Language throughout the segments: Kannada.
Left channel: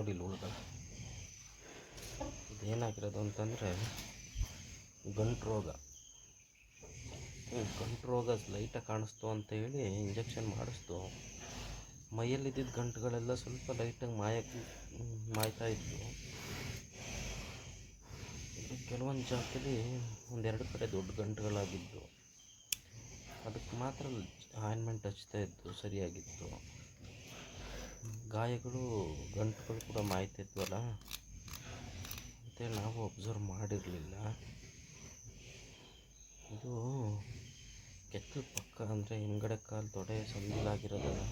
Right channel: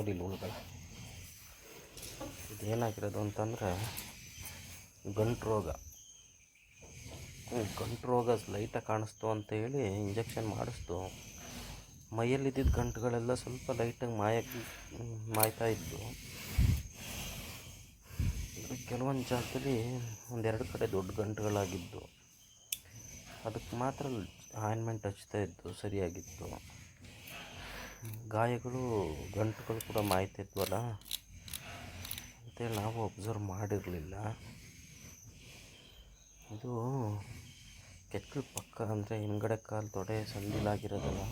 ನೋಡಿ ಇಲ್ಲಿ ಹುಳುಗಳು. ಇದೇನಾಗಿರೋದು ಅಂತಂದರೆ ಗಂಟು ರೋಗ. ಗಂಟು ರೋಗ ಲೈಟಾಗಿ ಕಾಣಿಸ್ತು ಅಂತೇಳಿ ಇಂಜೆಕ್ಷನ್ ಮಾಡಿಸ್ತು. ಮೈಯಲ್ಲಿದ್ದಿದ್ದ ಗಂಟುಗಳೆಲ್ಲ ಸ್ವಲ್ಪ ಲೈಟಾಗಿ ಮಾಯ್ತಾಯಿತ್ತು. ಕೆಲವೊಂದು ಜಾಗದಲ್ಲಿ ಒಂದೆರಡು ಕಡೆ ದೊಡ್ಡ ಗಂಟುಗಳಾಗಿದ್ದು, ಅದಕ್ಕೆ ಮಾತ್ರ ಆಯಿಂಟ್ಮೆಂಟ್ ಹಚ್ತಾಯಿದ್ದು ಸರಿಯಾಗಿತ್ತು. ಗಾಯಗಳು ಗಂಟುಗಳು ಕೂಡ ಮಾಯ್ತಿದ್ವಲ್ಲ ಅಂತೇಳಿ ನಾವು ಅಬ್ಸರ್ವ್ ಮಾಡಿರಲಿಲ್ಲ. ಇದು ಕೆತ್ತಲು ಪಕ್ಕ ಅಂದರೆ ಹಿಂದ್ಗಡೆ ಕಾಲು ತೊಡೆ ಸಂದಿಲಾಗಿರೋದಲ್ಲ,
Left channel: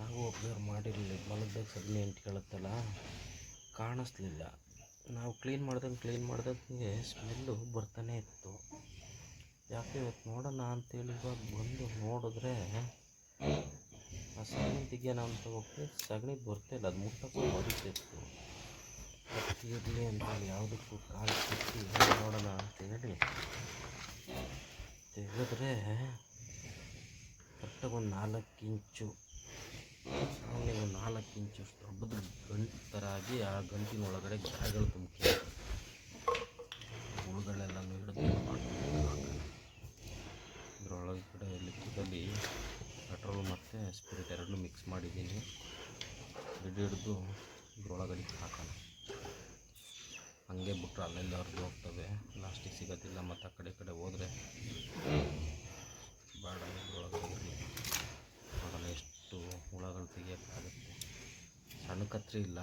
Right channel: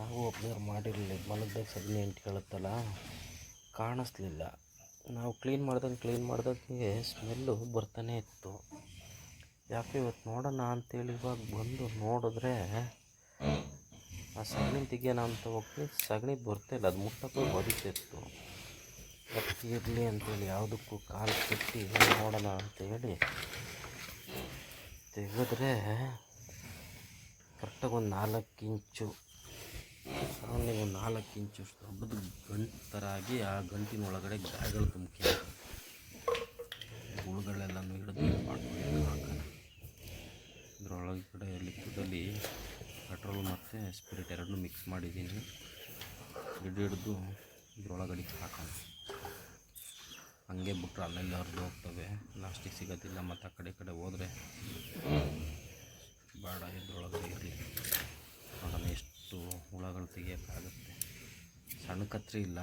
ನಾವು ಅಬ್ಸರ್ವ್ ಮಾಡಿರಲಿಲ್ಲ. ಮಲಗ್ದಾಗ ಸಗಣಿ ಅಂಟ್ಕೊಳ್ಳುತ್ತಲ್ಲ, ಕಾಣಿಸ್ಲಿಲ್ಲ. ನಾವು ಕ್ಲೀನ್ ಮಾಡ್ದಂಗೆ ಸ್ಮೆಲ್ಲು ಬರ್ತಾನೆ ಇತ್ತು. ಯಾಕೆ ಇವತ್ತು ನೋಡೋಣ ಅಂತೇಳಿ ಇವಾಗ ಬಂದು ನೋಡಿದ್ರೆ ಆ ಸಗಣಿ ತೆಗಿಯೋಣ ಅಂತ ಹೋಗಿ ಸಗಣಿ ಬರ್ತಾಯಿಲ್ಲ. ಅದು ಮುಟ್ಟಕ್ಕೂ ಬದುಕಿತ್ತು. ಅದಕ್ಕೆ ಇರಲಿ ಅಂತೇಳಿ ಯಾವುದಕ್ಕೂ ಕಾಲು ಕಟ್ಟಿ ನೋಡೋಣ ಅಂತೇಳಿ ತೆಗೆದ್ರೆ ಕರೆಕ್ಟಾಗಿ ಒಂದು 4 ಇಂಚು, ಒಂದು 4 ಇಂಚು ದೊಡ್ಡದು ಗಂಟು ಥರ ಆಗಿ ಆ ಗಂಟಿನ ಒಳಗಡೆ ಗಾಯಗಳು ತುಂಬಿ ಹುಳುಗಳೆಲ್ಲನೂ ಹಿಡಿದು ಮಾಡ್ಕೊಂಡು ಹಾಕೋಣ. ಇದರೊಳಗಡೆ ಲಿಕ್ವಿಡಲ್ಲಿ ಪೆಟ್ರೋಲ್ ಮತ್ತು ಸ್ಪಿರಿಟ್ ಎರಡನ್ನೂ ಮಿಕ್ಸ್ ಮಾಡಿದ್ದೀನಿ. ಹಿಡಿದು ಇದ್ರೊಳಗಡೆ ಹಾಕೋಣ. ಹಂಗೆ ಬಿಟ್ರೆ ಅಲ್ಲೆಲ್ಲ ಹರಿದು ಹೋಗ್ತವೆ, ಲಾಸ್ಟಿಗೆ ಸಿಗೋದಿಲ್ಲ. ಮತ್ತು ಆ ಕಡೆ ಹೋದರೆ ಬೇಡ, ಇದ್ರೊಳಗಡೆ ಇರಲಿ. ನೋಡೋಣ ಎಷ್ಟು ಹುಳಗಳು ತೆಗಿಯೋಕ್ಕಾಗುತ್ತೆ. ಸಣ್ಣ ಕತ್ರಿ ಇಲ್ಲ.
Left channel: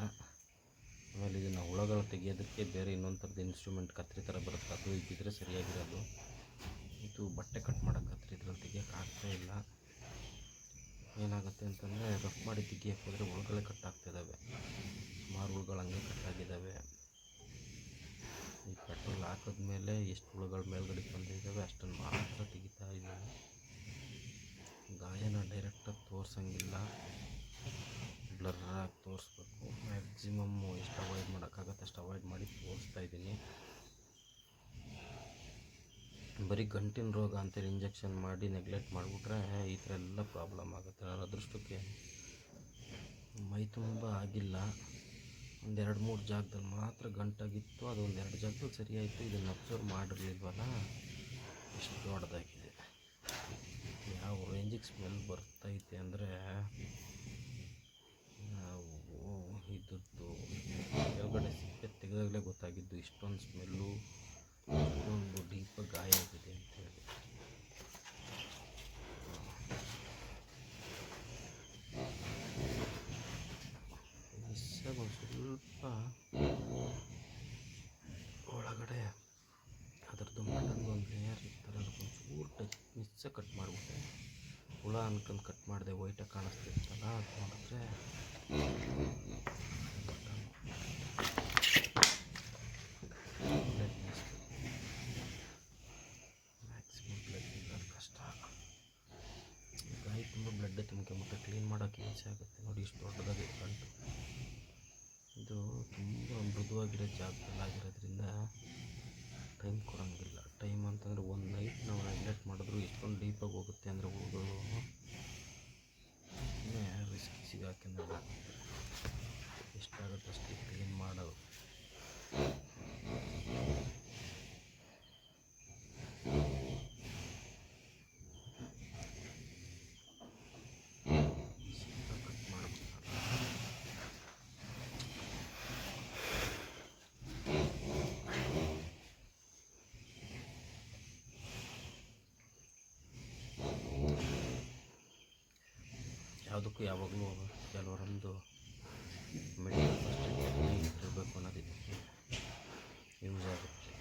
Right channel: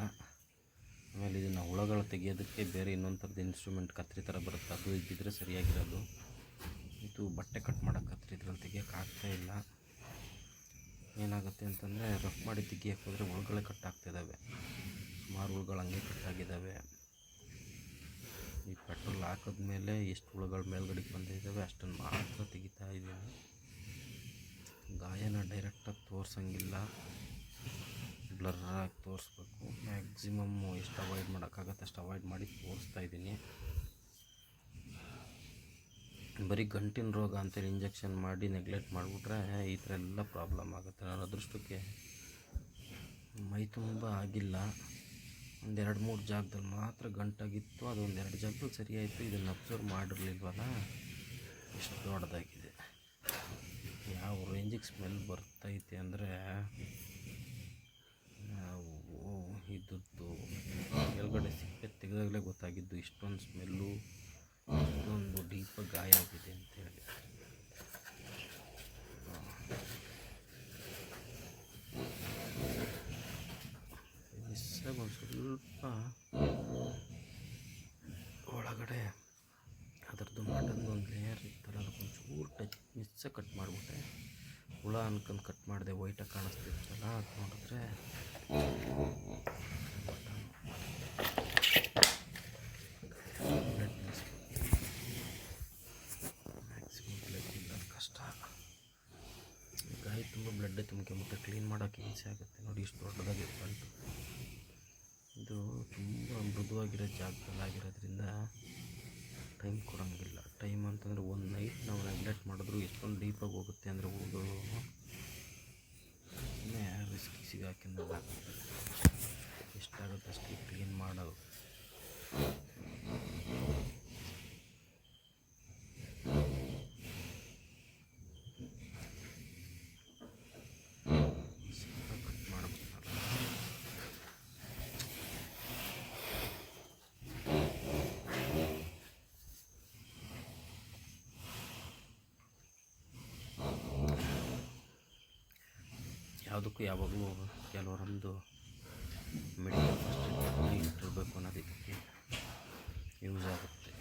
ಆಮೇಲೆ ಇದನ್ನು ಹುಳಗಳು ತೆಗಿಯೋದಕ್ಕೆ ಬೇರೆ ಇನ್ನೊಂದು ಥರದ ಇನ್ಸ್ಟ್ರೂಮೆಂಟ್ ಕತ್ರಿ ಥರ ಬರುತ್ತೆ, ಅದು ಇದ್ದಿದ್ರೆ ಸರಿಯಾಗಿರೋದು. ಇದು ಬಟ್ಟೆ ಕಟ್ ಮಾಡೋ ಕತ್ರಿ, ಇದ್ರಲ್ಲಿ ತೆಗಿಯೋಕ್ಕಾಗ್ತಾಯಿಲ್ಲ. ಏನಾಗುತ್ತೆ ಅಂತಂದರೆ ರಫ್ ಮಾಡಿ ತೆಗಿಯೋಕ್ಕೆ ಹೋದರೆ ಹುಳುಗಳೇ ಕಟ್ಟಾಗ್ತಿದ್ದಾವೆ. ಸುಮಾರು ಹುಳುಗಳು ಹಂಗೆ ಕಟ್ಟಾಗಿದ್ದಾವೆ. ಈ ಪೆಟ್ರೋಲ್ ಹಾಕಿದ್ಮೇಲೆ ಎಷ್ಟು ಹುಳುಗಳು ಮೇಲ್ಗಡೆಗೆ ಬಂದಿದ್ದಾವೆ ಅಷ್ಟನ್ನು ಮಾತ್ರ ತೆಗಿತಾ ಇದ್ದೀನಿ. ಗಾಯನ ಡೈರೆಕ್ಟಾಗಿ ತೋರಿಸಂಗಿಲ್ಲ, ಬ್ಲರ್ರಾಗಿ ತೋರಿಸ್ಬೇಕು. ಮ್ಯಾಕ್ಸಿಮಮ್ಮು ಎಷ್ಟು ಅವಾಯ್ಡ್ ಮಾಡೋಕ್ಕಾಗತ್ತೆ ಅಷ್ಟು ಅವಾಯ್ಡ್ ಮಾಡಿ ತೋರಿಸ್ತಾ ಇದ್ದೀನಿ. ಬರೀ ಗಂಟಿನ ರೋಗ ಅಂತೇಳಿ ಇಂಜೆಕ್ಷನ್ ಮಾಡಿ ನೆಗ್ಲೆಕ್ಟ್ ಮಾಡಿಬಿಟ್ರೆ ಈ ಥರ ಎಲ್ಲ ಪ್ರಾಬ್ಲಮ್ ಆಗುತ್ತೆ. ನನ್ನ ಅದೃಷ್ಟಕ್ಕೆ ಮೈ ತುಂಬ ಆಗಿಲ್ಲ. 1-2-3 ಜಾಗದಲ್ಲಿ ಮಾತ್ರ ಗಂಟಾಗಿತ್ತು. ಅದು 1-2 ಜಾಗದಲ್ಲಿ ಸರಿಯಾಯಿತು. ಇದನ್ನು ಅಬ್ಸರ್ವ್ ಮಾಡಿರಲಿಲ್ವಲ್ಲ, ಎಷ್ಟು ದೊಡ್ಡದಾಗಿದೆ. ಯಾವ ರೇಂಜಿಗೆ ಸ್ಮೆಲ್ ಬರ್ತೈತೆ ಅಂದರೆ ಇದ್ದದ್ದು ಕೆಳಗಡೆ ಸಿಪ್ಪೆ ತೆಗೆದಾಗಲೇ ಗೊತ್ತಾಗಿದ್ದು ಇಷ್ಟೊಂದು ಸ್ಮೆಲ್ಲು, ಇಷ್ಟೊಂದು ಡೀಪಾಗಿ ಗಾಯ ಆಗಿದೆ ಅಂತೇಳಿ. ಒಂದು ಸ್ವಲ್ಪ ಒಳಗಡೆ ಅದರದ್ದು ಮಟನ್ದು ಒಂದು ಲೇಯರ್ ಇತ್ತಲ್ಲ, ಅದಕ್ಕೊಂಚೂರು ಮಿಸ್ಸಾಗಿ ಕಟ್ ಮಾಡಿಬಿಟ್ಟೆ. ಹುಳ ಅನ್ಕೊಂಡು ಕಟ್ ಮಾಡಿದೆ, ವೈಟಾಗಿ ಕಾಣಿಸ್ತಿರ್ತಲ್ಲ. ಅದು ನೋಡಿದ್ರೆ ಮ್ಯಾಕ್ಸಿಮಮ್ ಬ್ಲಡ್ ಇಲ್ಲ, ಕಷ್ಟ. ಗಾಯ ತುಂಬ ಬ್ಲಡ್ಡೇ ತುಂಬ್ಕೊಂಬಿಟ್ಟೆ, ಕ್ಲೀನ್ ಮಾಡೋಕ್ಕೆ ಹಿಂಸೆ ಆಗುತ್ತೆ. ನೋಡಿ ಇಷ್ಟು ದೊಡ್ಡದಾಗಿ ಗಂಟು. ಇದು ತುಂಬ ಮೃದುವಾಗಿರೋ ಜಾಗದಲ್ಲಿ ಆಗಿರೋದ್ರಿಂದ ಟೈಮ್ ಕೊಡೋಂಗಿಲ್ಲ. ಟೈಮ್ ಅಂತಂದರೆ ಒಂದು ನೈಟ್ ನಾವು ನೆಗ್ಲೆಕ್ಟ್ ಮಾಡಿದ್ರು ಎಷ್ಟೊಂದು ಡೀಪಾಗಿ ಹೋಗುತ್ತೆ ಅಂದರೆ ಹುಳುಗಳು ಇನ್ನೇ ರಿಸ್ಕಿ ಸಿಗಾಕಿಂದಲ್ಲ. ಎಷ್ಟಾಗುತ್ತೆ ಅಷ್ಟು ಕ್ಲೀನ್ ಮಾಡೋದು. ಯಾವುದಕ್ಕೂ ಯಾವಾಗಲೂ ಕೆಲವರೊಂದು ಮೆಡಿಕಲ್ ಫಸ್ಟ್ ಏಡ್ ಇಟ್ಟಿರಬೇಕು ಅನ್ನೋದು ಇದಕ್ಕೆ ಯೂಸ್ ಆಗುತ್ತೆ.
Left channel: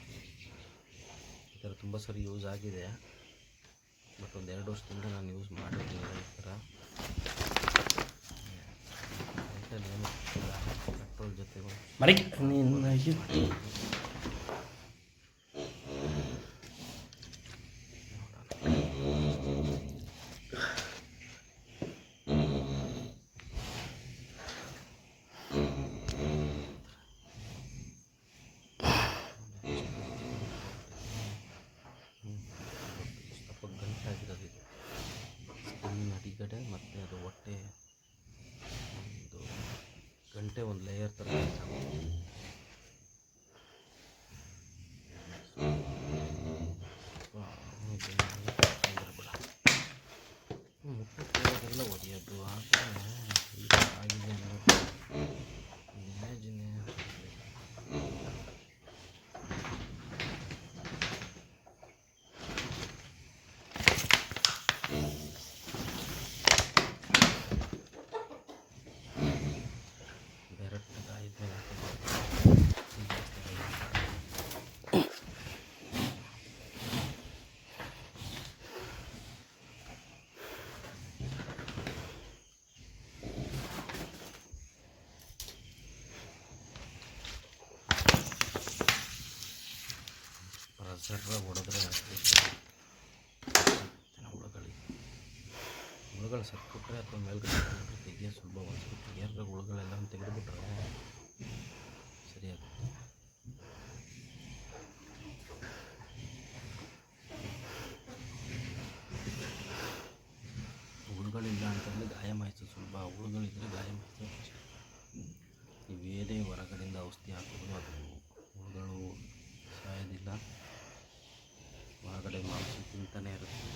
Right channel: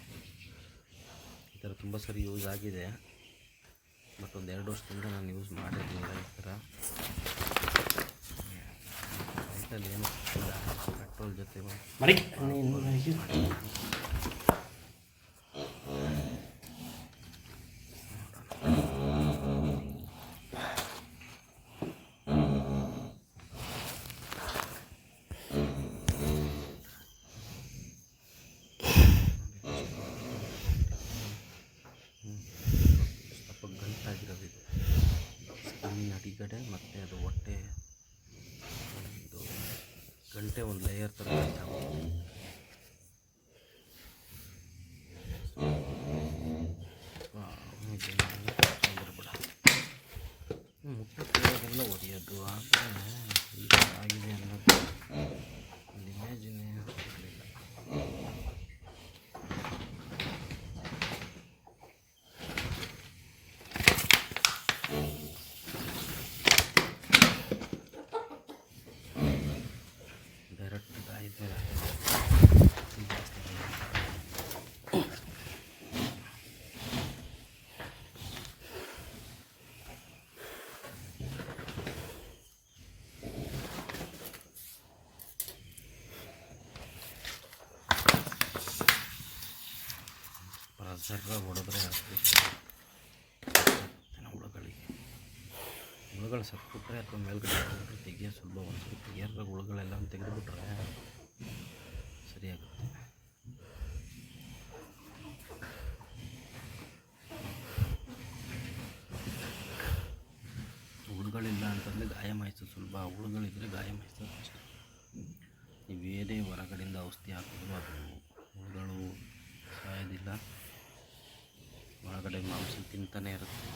ಈ ಥರ ತುಂಬ ಸರಿ ಯೂಸ್ ಆಗಿದೆ, ಬಟ್ 1-2 ವರ್ಷದಿಂದ ನಾನು ಯೂಸ್ ಮಾಡಿರಲಿಲ್ಲ. ಈ ಥರ ಲೈಟಲ್ಲಿ ಏನೂ ಇಲ್ಲ, ಪೆಟ್ರೋಲ್ ಜೊತೆ ಗಂಟಾಗಿರೋದಿದೆ ಸ್ಕಿನ್ನಿನ ಅಡಿಗಡೆ, ಮತ್ತು ಅದು ಹೊಟ್ಟೆ ಒಂದು ಗಂಟು ನೀಟೇ ಒಂದು ಲೇಯರ್ ಥರ ಬಿಡ ಮುಟ್ಟಕ್ಕೆಲ್ಲ ಒಡೆಯೋದು ಆದರೆ ಆಗಿದೆ ಅನ್ನೋದು ಇಮ್ಯಾಜಿನೇ ಇರಲಿಲ್ಲ. ಡೈರೆಕ್ಟ್ ಆಯಿತು ಪ್ರೆಸರ್ ಹೊಡೆದ್ರೆ ಹುಳುಗಳು ಸತ್ಬಿಟ್ರೆ ಅಥವಾ ಮೇಲ್ಗಡೆ ತೆಗಿಯೋ ಸುಲಭ. ಒಂದು ತೆಗಿಯೋದ್ರಾಗ ಹುಳುಗಳೆಲ್ಲ ತೆಗೆದುಬಿಟ್ರೆ ಸರಿಯಾಗುತ್ತೆ. ಹುಳುಗಳಿಲ್ಲ ಅಂತಂದರೆ ಗಾಯ ಮಾಯಿಸೋದು ಸುಲಭ, ಹುಳುಗಳಿದ್ದರೆ ಗಾಯ ಮಾಯಿಸೋದು ಕಷ್ಟ. ನೀವೇನೇ ಹೊರಗಡೆಯಿಂದ ಔಷಧಿ ಹಾಕಿದ್ರು ಅದು ಹುಳುಗಳು ಸಾಯೋದಿಲ್ಲ, ಒಳಗಡೆ ಮಾಂಸ ತಿಂತಾನೇ ಇರುತ್ತೆ,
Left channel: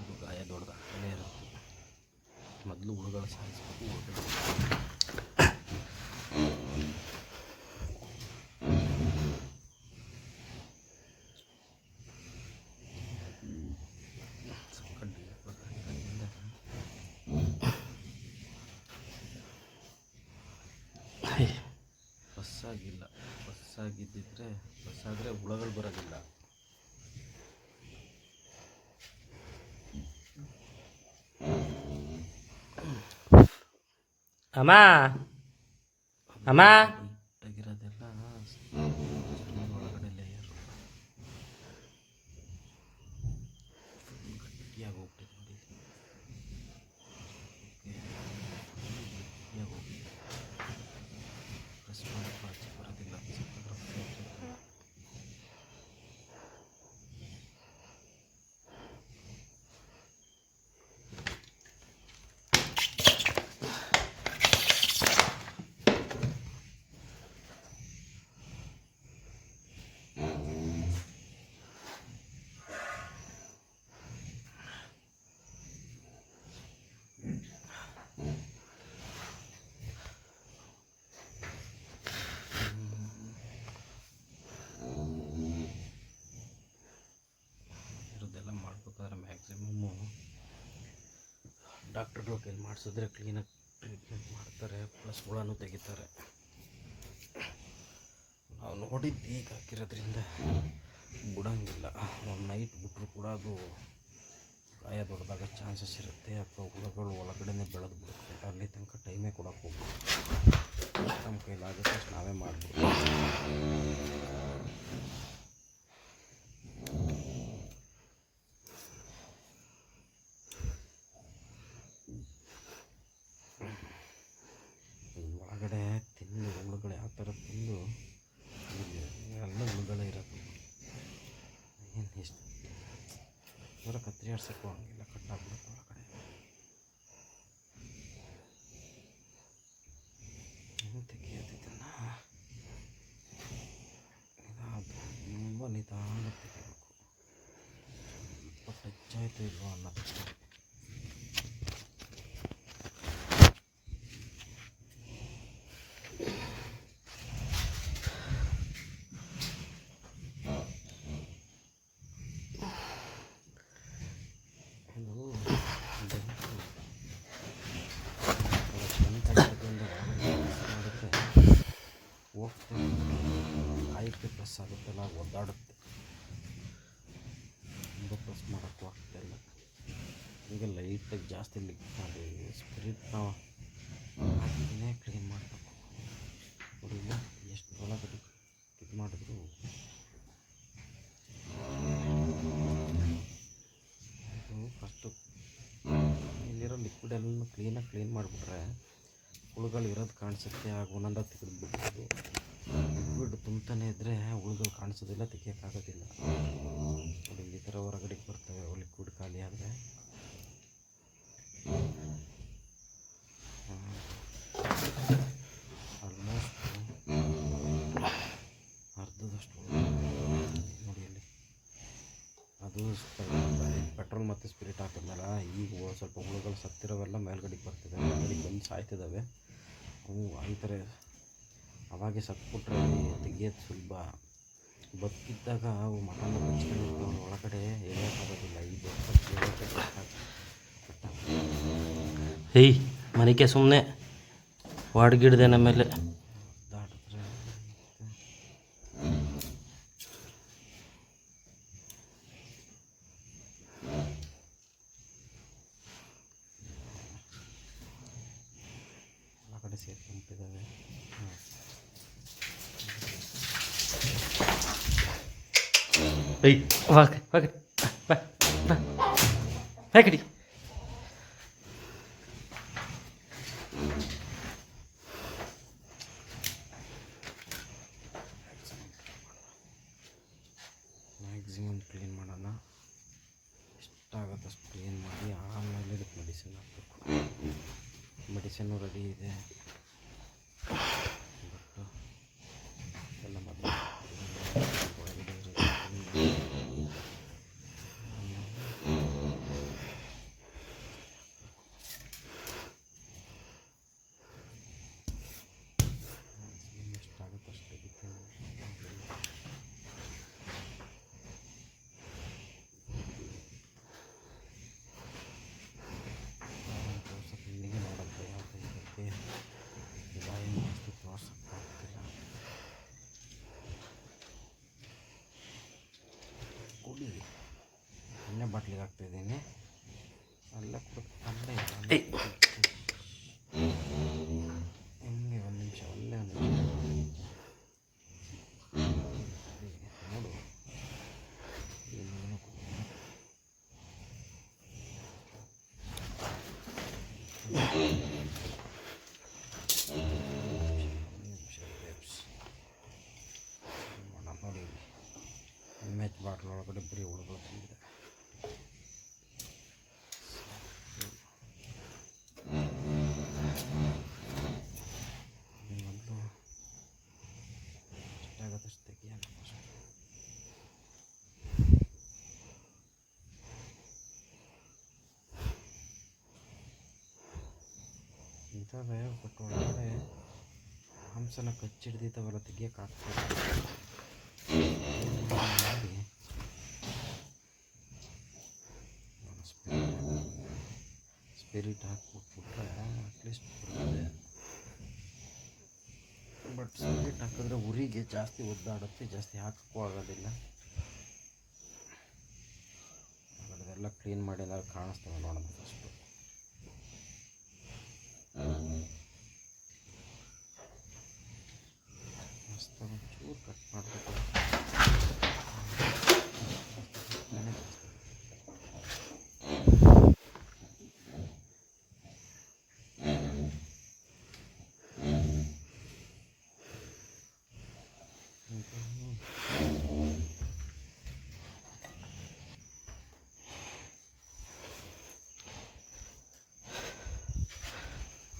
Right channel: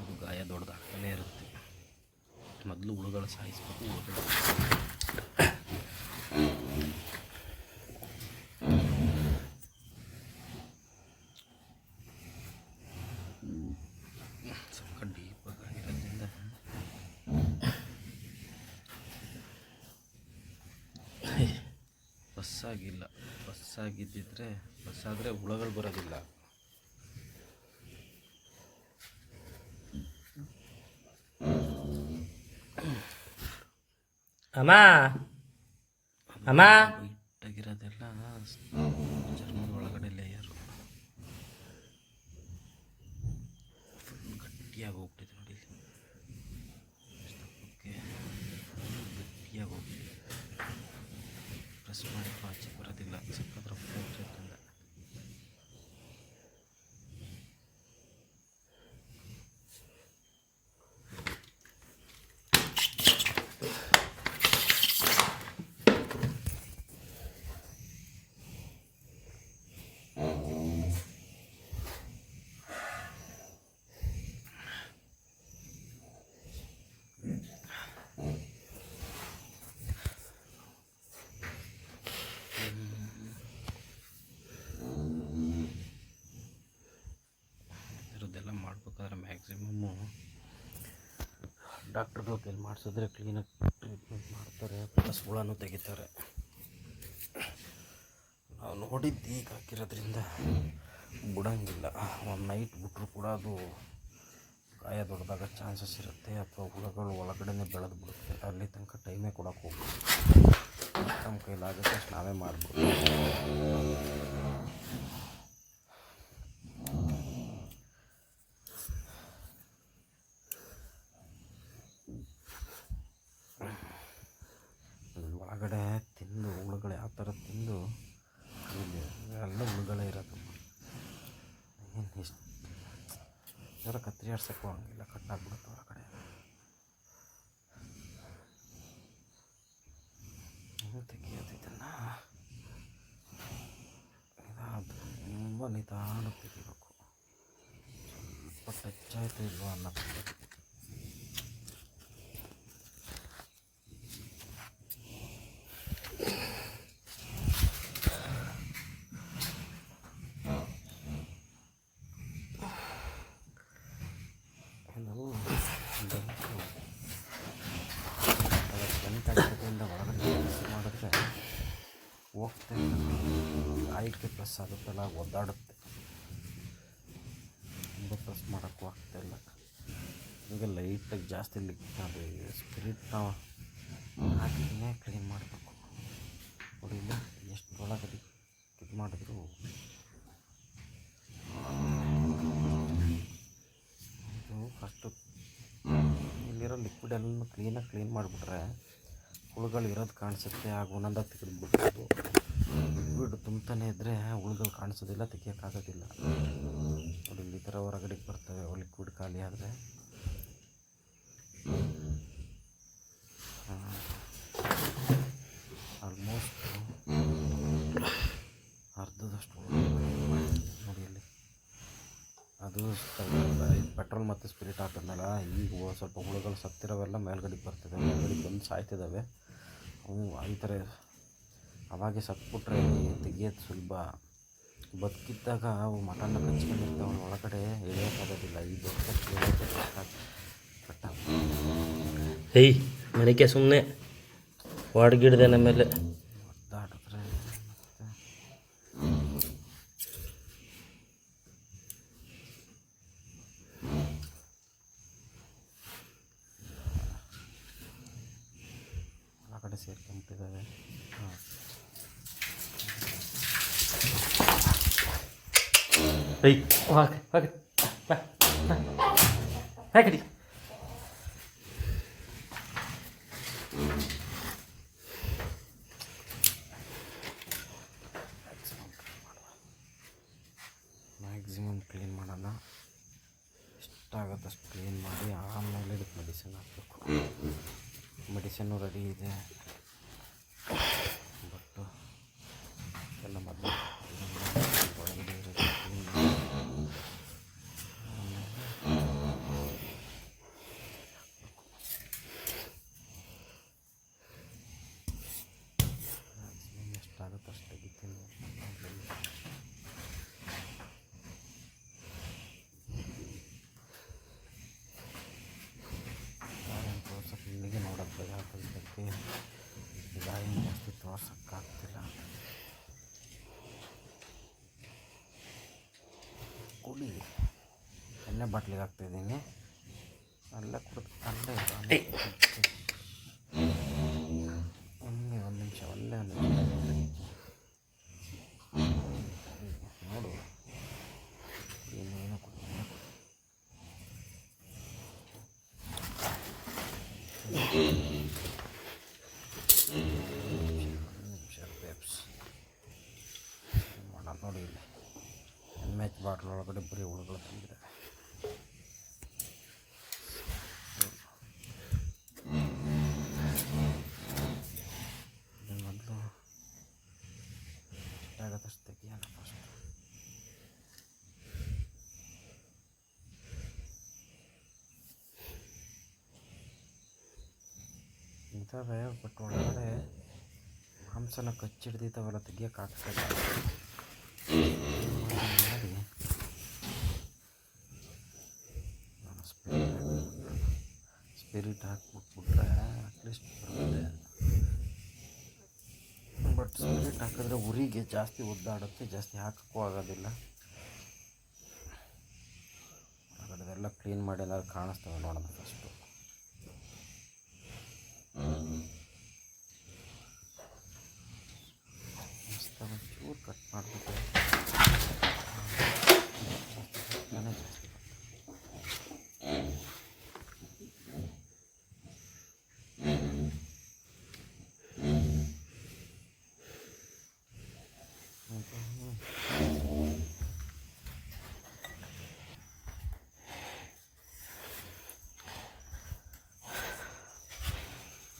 ಅದು ಗಾಯ ದೊಡ್ಡದಾಗ್ತಾನೇ ಇರುತ್ತೆ. ಮೊದಲು ಹುಳುಗಳು ಸಾಯಿಸ್ಬೇಕು. ಹುಳುಗಳು ಸ್ವಲ್ಪ ಡೀಪಾಗಿ ಆಗಿರೋದ್ರಿಂದ ಬಸ್ಸಾಗಿಲ್ಲ. ಬಸ್ಸಾಗಿದ್ದಿದ್ರೆ ಬಸ್ಸಾದರೆ ಹುಳುಗಳು ಬರೋದಿಲ್ಲ. ಅಮ್ಮ ಅಮ್ಮ ಇಟ್ಟಾಗಿರೋದೆಲ್ಲ ಚರ್ಮದ ಒಳಗಡೆ ಲೇಯರು ಫುಲ್ ಗಟ್ಟಿಯಾಗಿ ಹೋಗ್ಬಿಟ್ಟಿದೆ ನೋಡಿ. ಓಕೆ, ಗಟ್ಟಿಯಾಗಿ ಹೋಗ್ಬಿಟ್ಟಿದೆ. ಪ್ರೆಸ್ ಮಾಡಿದ್ರು ಆಚೆ ಬರೋದಿಲ್ಲ. ಸಕ್ಕತ್ರ ಫ್ಲೋಚೆಲ್ಲ ಇರೋದೆಲ್ಲ ಮಾಡ್ಬೇಕಾದ್ರೆ ಮ್ಯಾಕ್ಸಿಮಮ್ಮು ಡಾಕ್ಟ್ರುಗಳ ಕೈಲಿ ಮಾಡಿಸಿದ್ರೆ ಕ್ಲೀನಾಗಿ ಟ್ರೀಟ್ಮೆಂಟ್ ಮಾಡ್ತಾರೆ, ಪ್ಲಸ್ ಹುಳನೂ ತೆಗಿತಾರೆ. ನಾವು ನೋಡಿದ್ದು ಈಗ ಹಾಕಿರೋದ್ರಿಂದ ಬಿಡೋಂಗಿಲ್ಲ. ಒಂದು ನೈಟ್ ಬಿಟ್ಟರು ಕೂಡ ಅದು ಗಾಯ ದೊಡ್ಡದಾಗ ಚಾನ್ಸಸ್ ಇರುತ್ತೆ, ಅಥವಾ ಹುಳುಗಳು ಒಳಗಡೆ ಬೆಳೆದು ಬಿಡುತ್ತೆ. ಅಲ್ಲಿ ತನಕ ಟೈಮೇ ಕೊಡೋಕೆ ಹೋಗ್ಬೋದು. ನಮ್ಮ ಕೈಲಾಗುತ್ತೆ ಅಷ್ಟು ನಾವೇ ಮಾಡ್ಬಿಡ್ತೀವಿ. ಒಳಗಡೆ ತಿಂದು ಹುಳುಗಳು ಯಾವ ಥರ ತಿಂದು ಎಲ್ಲ ಹುಳುಗಳೇ ಇರೋದು. ಏನು ಇಷ್ಟು ಯಾರೋ ಕತ್ತರಿ ಆಡ್ಸೋಕ್ಕೂ ಹಂಗಿಲ್ಲ, ಕಟ್ಟಾಗ್ಬಿಡುತ್ತೆ ಒಳಗಡೆ. ತೆಗಿಯೋದು ಇದನ್ನು ತುಂಬ ನಿಧಾನ ತೆಗಿಬೇಕು. ಸ್ವಲ್ಪ ಟಚ್ ಆಯಿತು ಇಲ್ವೋ ಅನ್ನೋದು. ಗಂಟಾಗಿರೋದ್ರಿಂದ ಒಳಗಡೆ ಮಾಡಿದ್ರೆ ಹೋಗ್ತಾ ಕಾಯಿಗೆ ಪ್ರೆಸ್ ಆಗುತ್ತಲ್ಲ, ಒದ್ದಾಡುತ್ತೆ. ತುಂಬ ಪ್ರೆಸ್ ಮಾಡೋಕ್ಕೂ ಆಗ್ತಾಯಿಲ್ಲ. ಹೀಗೆ ಲೈಟಾಗಿ ಜಾಸ್ತಿ ಅದು ಸ್ಪಿರಿಟ್ನ ಹಾಕಿನೇ ಕ್ಲೀನ್ ಮಾಡಬೇಕು. ನೋಡಿಲ್ಲ ಎಷ್ಟು ಒಳಗಡೆ ಇದು ಮಾಡಿದ್ರು ಇದು ಫಸ್ಟು ಇಲ್ಲಿರೋ ಲಿಕ್ವಿಡ್ ಎಲ್ಲ ಕ್ಲೀನಾಗಿ ಕ್ಲೀನ್ ಮಾಡಿಬಿಟ್ರೆ ಹುಳುಗಳು ಇರೋದು ಕಾಣಿಸುತ್ತೆ. ಆಗ ಒಂದೊಂದಾಗಿ ತೆಗೆದುಬಿಡ್ಬೋದು. ಲಿಕ್ವಿಡ್ ತುಂಬ್ತಾನೆ ಇದ್ದರೆ ಹುಳುಗಳು ಕಾಣಿಸೋದಿಲ್ಲ, ತೆಗಿಯೋಕ್ಕಾಗೋದಿಲ್ಲ. ನೋಡಿ ಈ ಥರ ಹೊರಗಡೆಗೆ ಬರ್ತವೆ ಲಿಕ್ವಿಡ್ ಖಾಲಿ ಆದರೆ. ಪೆಟ್ರೋಲ್ ಮತ್ತು ಸ್ಪಿರಿಟ್ ಹಾಕಿದ್ನಲ್ಲ, ಈಗ ಸ್ವಲ್ಪ ಹುಳುಗಳು ಸತ್ತಿರೋವೆಲ್ಲ ಮೇಲ್ಗಡೆಗೆ ಬರ್ತಿದೆ, ಮೇಲ್ಗಡೆಗೆ ಬಂದು ಸಾಯ್ತಿದ್ದಾವೆ. ಅವು ಈ ಥರ ಅವಾಗೆ ಸತ್ಬಿಟ್ರೆ ತೆಗಿಯೋದು ಸುಲಭ. ಬದುಕಿದ್ದಾಗ ಅವು ಮಟನ್ನ ಕಚ್ಕೊಂಡಿರ್ತಾವೆ, ಒಳಗಡೆ ಎಳೆಯೋಕ್ಕಾಗೋದಿಲ್ಲ. ಈ ದೊಡ್ಡ ಎಳೆಯೋಕ್ಕೆ ಕಟ್ಟ ಏಯ್ ಮನಿಕೆ ಸುಮ್ಮನೆ ಹೊಡ್ಗಿಡ್ದೆ ನಮ್ಮೇಲೆ. ಒದ್ದಾಡಿದ್ರೆ ಒಳಗಡೆ ಸೇರ್ಕೊಂಬಿಟ್ಟಿದ್ದಾವೆ. ಹಾಂ, ಏಯ್ ಹೋಗಿ ಹೋಗಿ ಬಾ ಬಾ ಹೇಗಡಿ. ಮ್ಯಾಕ್ಸಿಮಮ್ ಕ್ಲೀನ್ ಮಾಡೋಣ. ಎಷ್ಟಾಗುತ್ತೆ ಅಷ್ಟು ಕ್ಲೀನ್ ಮಾಡಿ ಆಮೇಲೆ ಇದಕ್ಕೆ ಮೆಡಿಸಿನ್ ಹಾಕಬೇಕು. ಮೆಡಿಸಿನ್ನು ರೆಡಿ ಇದೆ, ಬಟ್ ಎಲ್ಲ ಮೊದಲು ಒಳಗಡೆ ಇರೋದು ಕ್ಲೀನ್ ಮಾಡಿ ಆಮೇಲೆ ಮ್ಯಾಕ್ಸಿಮಮ್ ಎಷ್ಟಾಗುತ್ತೆ ಅಷ್ಟು ತೆಗಿತೀನಿ. ಗಾಯ ತೋರ್ಸೋಕೆ ಇಲ್ಲಿಗೆ ನೋಡೋದು ಭಯ ಆಗ್ತೈತೆ, ಗಾಯ ಜಾಸ್ತಿ ತೋರ್ಸೋಕ್ಕಾಗ್ತಿಲ್ಲ. ಕುಡಿ, ಎಣ್ಣೆ ಬಾಟ್ಲಿಗೆ ಹಾಕ್ತಾಯಿದ್ದೀನಿ, ಅಲ್ಲೇ ಕುಡಿದು ಅಲ್ಲೇ ಇದು ಅಲ್ಲೇ ಹಿಂಗೆ ಒಂದು ನಿಮಿಷ ಒಂದೇ ಒಂದು ನಿಮಿಷ ನೋಡು. ಇನ್ನೇನು ಕುಡಿ, ಒಂದು ನಿಮಿಷ ಪೇಪ್ಸ್ ಮಾಡೋಣ. ನೋಡಿ ಇಲ್ಲಿ MH ಬಾಟ್ಲ್ ಒಳಗಡೆ ಬರೀ ಹುಳುಗಳು ತುಂಬಿದೆ. ಮೊದಲು ಎಷ್ಟಾಗತ್ತಷ್ಟು ತೆಗಿಯೋಣ ಫಸ್ಟ್. ಇದ್ದಾವೆ, ಬಟ್ ಒಳಗಡೆ ಮಾಂಸನ ಕಚ್ಚಿಡ್ದಿದ್ದಾವೆಲ್ಲ ತೆಗಿಯೋಕ್ಕಾಗ್ತಾಯಿಲ್ಲ. ಮಾಡಿ ಸ್ಪಿರಿಟ್ ಹಾಕ್ಬಿಟ್ಬಿಟ್ರೆ ಅಟ್ಲೀಸ್ಟ್ ಬರ್ತದೆ. ಬಟ್ ಸ್ಪಿರಿಟ್ ಹಾಕಿದ್ರೆ ಉರಿಗೆ ಜಾಸ್ತಿ ಒದ್ದಾಡುತ್ತೆ, ಜಾಸ್ತಿ ಹಾಕೋಕ್ಕೂ ಆಗೋದಿಲ್ಲ. ಅದೆಲ್ಲ ಕ್ಲೀನ್ ಮಾಡಿ ಏನಾದ್ರು ಕಾಣಿಸ್ತವೆ ನೋಡೋಣ ಫಸ್ಟು. ಮಸ್ತಾಗಿ ಚೂರು ಕಟ್ ಮಾಡಿಬಿಟ್ಟು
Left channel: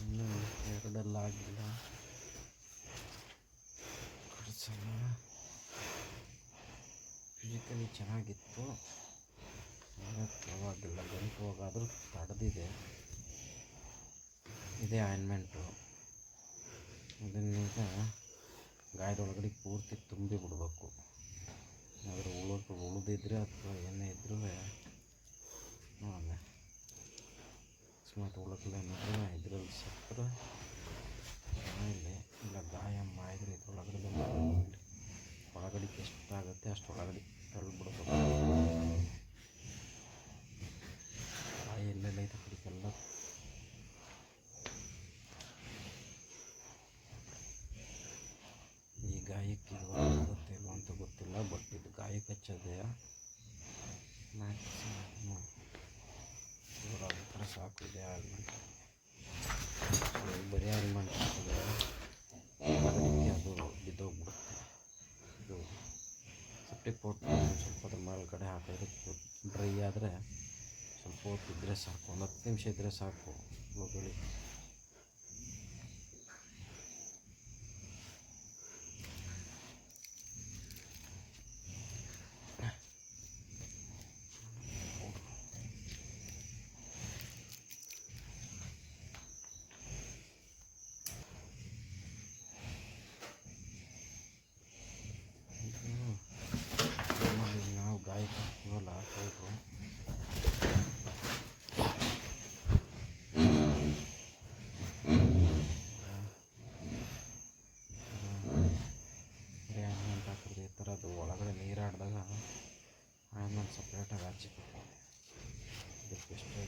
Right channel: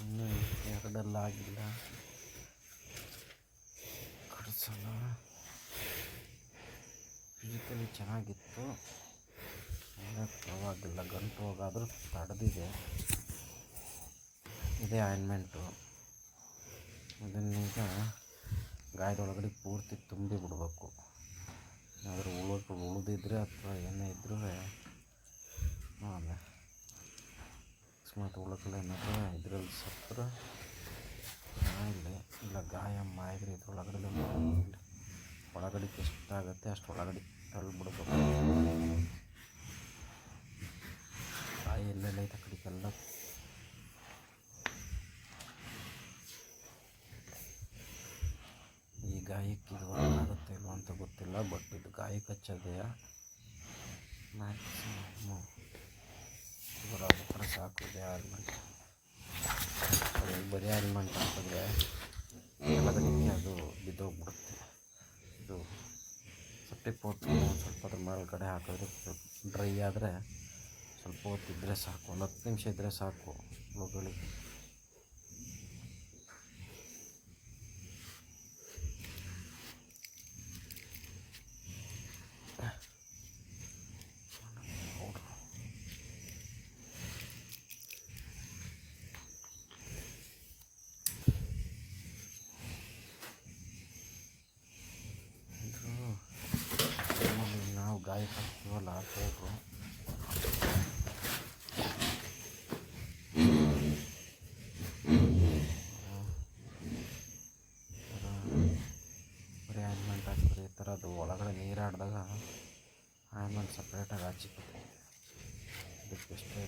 ಇನ್ನೂ ಎರಡೆಲ್ಲ ಆಗಿಲ್ಲ, ಕಡಿಸೋಣ. ಫಿಸಿಕಲಿ ಚೆನ್ನಾಗಿತ್ತು, ಅಂದರೆ ಪರವಾಗಿಲ್ಲ, ಗಂಟು ಹೋಗಾದರೂ ತಡೆದಿದೆ. ಇದೇ ಆಯಿಂಟ್ಮೆಂಟು. ಇದನ್ನೀಗ ಗಾಯದೊಳಗಡೆ ಪೂರ್ತಿ ತುಂಬಿ ಬಿಡಬೇಕು. ಏನಾದರೂ ಉಳಿದಿದ್ರೆ ಅಥವಾ ಏನೇ ಇದ್ರೂ ನೋಡೋಣ. ಅಕಸ್ಮಾತ್ ಹುಳುಗಳು ಏನಾದರೂ ಇದರಲ್ಲಿ ಸತ್ತರೆ ಇಲ್ಲ ಗಾಯ ಮಾಡಿದ್ರೆ ಇದ್ರೊಳಗಡೆ ಒಳಗಡೆಗೆ ಎಷ್ಟಾಗುತ್ತೆ ಅಷ್ಟು ಒಳಗಡೆ ತಳ್ಳಿಬಿಡ್ಬೇಕು. ಗಾಯ ಎಲ್ಲೆಲ್ಲ ಐತೆ ಕಡೆಗೆಲ್ಲ ಈ ಗಾಯಕ್ಕೆ ಇದು ಆಗುತ್ತೆ ಇಲ್ವ ಅಂತ ಗೊತ್ತಿಲ್ಲ, ಬಟ್ ಇದು ಗಾಯಕ್ಕೆ ಹಚ್ಚೋದೇ ಮ್ಯಾಕ್ಸಿಮಮ್ ಇವರಾಗ್ಬಿಟ್ರೆ ಸಾಕು. ಇದೆ ಆಲ್ಮೆಂಟ್, ಬರೀ ಆಲ್ಮೆಂಟ್ ಹಾಕಿದ್ರೆ ಒಳಗಡೆಗೆ ಅದು ಬಿದ್ದೋಗ್ಬಿಡುತ್ತೆ. ಇದು ಸೆಪ್ಟಿಕ್ ಪೌಡ್ರ್ ಸ್ವಲ್ಪ ಅದ್ರ ಮೇಲ್ಗಡೆ ಹಾಕಿದ್ರೆ ಡ್ರೈ ಆದರೆ ಸ್ವಲ್ಪ ಹೊತ್ತು ಇದ್ದರೆ ಸಾಕು, ಒಂದು 10 ನಿಮಿಷ ಇದ್ದರೆ ಸಾಕು ಹುಳುಗಳಿಗೆ.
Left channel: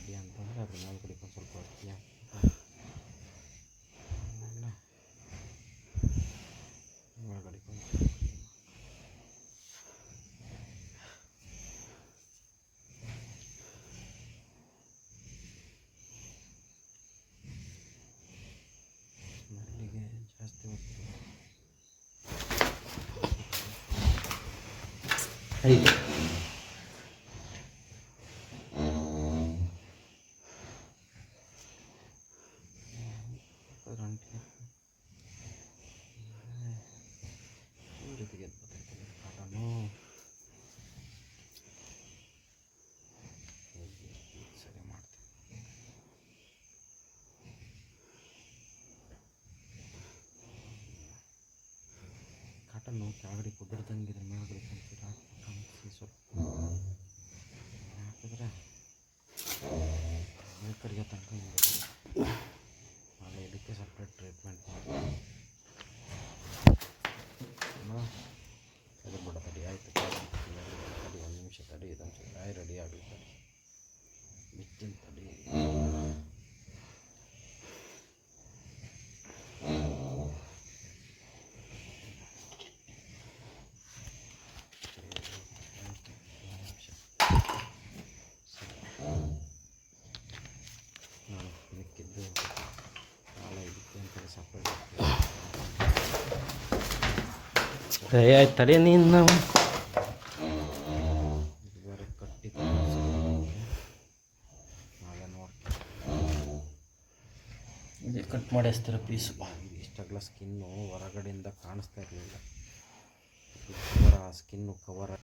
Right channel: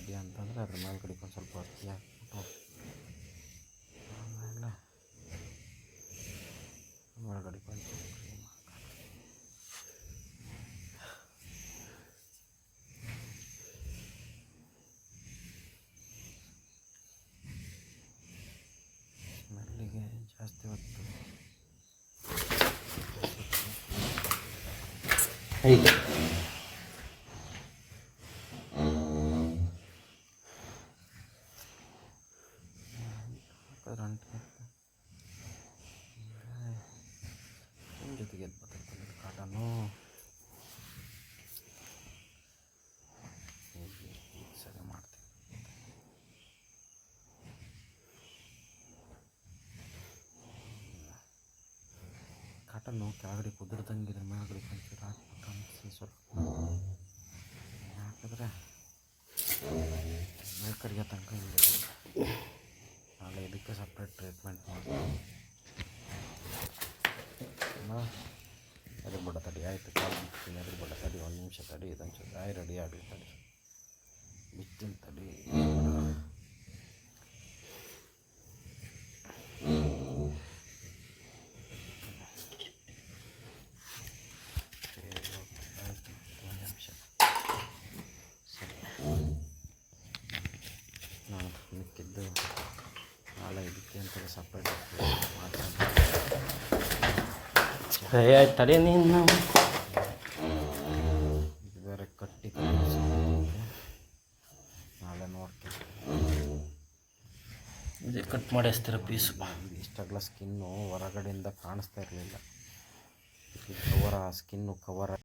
ತಡಿ ಅಂತಂದರೆ ಅದ್ರ ಮೇಲ್ಗಡೆಗೆ ಒಂದು ಸ್ವಲ್ಪ ಅಕ್ಕಿ ಹಾಕ್ಬಿಟ್ಟು ಆಮೇಲೆ ಮೇಲ್ಗಡೆಗೆ ಒಂದು ಮೆಲ್ಲಿಗೆ ಜಾಸ್ತಿ ಹೊತ್ತು ಹೀಗೆ ರಂಟೆ ಜೊತೆಗೆ ಎದ್ದು ಬರ್ತೈತೆ ಕಾಟನು ಈಗ ಸರಿ ಮಾಡ್ತೀನಿ. ಕಾಟನ್ನು ಕೆಳಗಡೆ ಕುದುರ್ದಂಗೆ ಇದ್ರ ಮೇಲ್ಗಡೆ ಒಂಚೂರು ಹಾಕ್ಬಿಟ್ಟು ಅನ್ಸಿ ಸ್ವಲ್ಪ ಹಾಕಿದ್ರೆ ಮೇಲ್ಕಡೆಗೆ ತನಕ ಹಿಂಗೆ ನಾಳೆ ಇದಕ್ಕೆ ಸಪ್ರೇಟ್ ಟ್ರೀಟ್ಮೆಂಟ್ ಮಾಡ್ತೀನಿ. ಎದುರು ಬಿಡ ತಡಿ ಆಯಿತು ಕಾಲು ಬಿಡ್ತೀನಿ ಎದುರು ಬಿಡ ತಡಿ ಒಂದು ನಿಮಿಷ ತಡಿ ಇದೊಂಚೂರು ಗಾಯ ರೆಡಿ ಆಗಲಿ ತಡಿ ಬಿತ್ತೀನಿ ತಡಿ. ನಾನು ಮಿಕ್ಕಿದ್ದು ನಾಳೆ ಇದಕ್ಕೆ ಅಂತ ಸಪ್ರೇಟ್ ಮಾಡ್ತೀನಿ. ಆಯ್ತು ತಡಿ ನೀನು ಇದು ಬೇರೆ ಕಟ್ಟಿ ನಾಳೆ ನೋಡ್ತೀನಿ. ಇದೇ ಕಟ್ ಮಾಡಿ ಹಚ್ತೀರ ಪೀಸು. ಇಷ್ಟಾಗಲ ಸ್ಕಿನ್ನು ಹೊರಗಡೆಯಿಂದ ಕಾಣಿಸ್ತಾ ಇರಲಿಲ್ಲ. ಕವರ ಸ್ಕಿನ್ನು ಕವರ್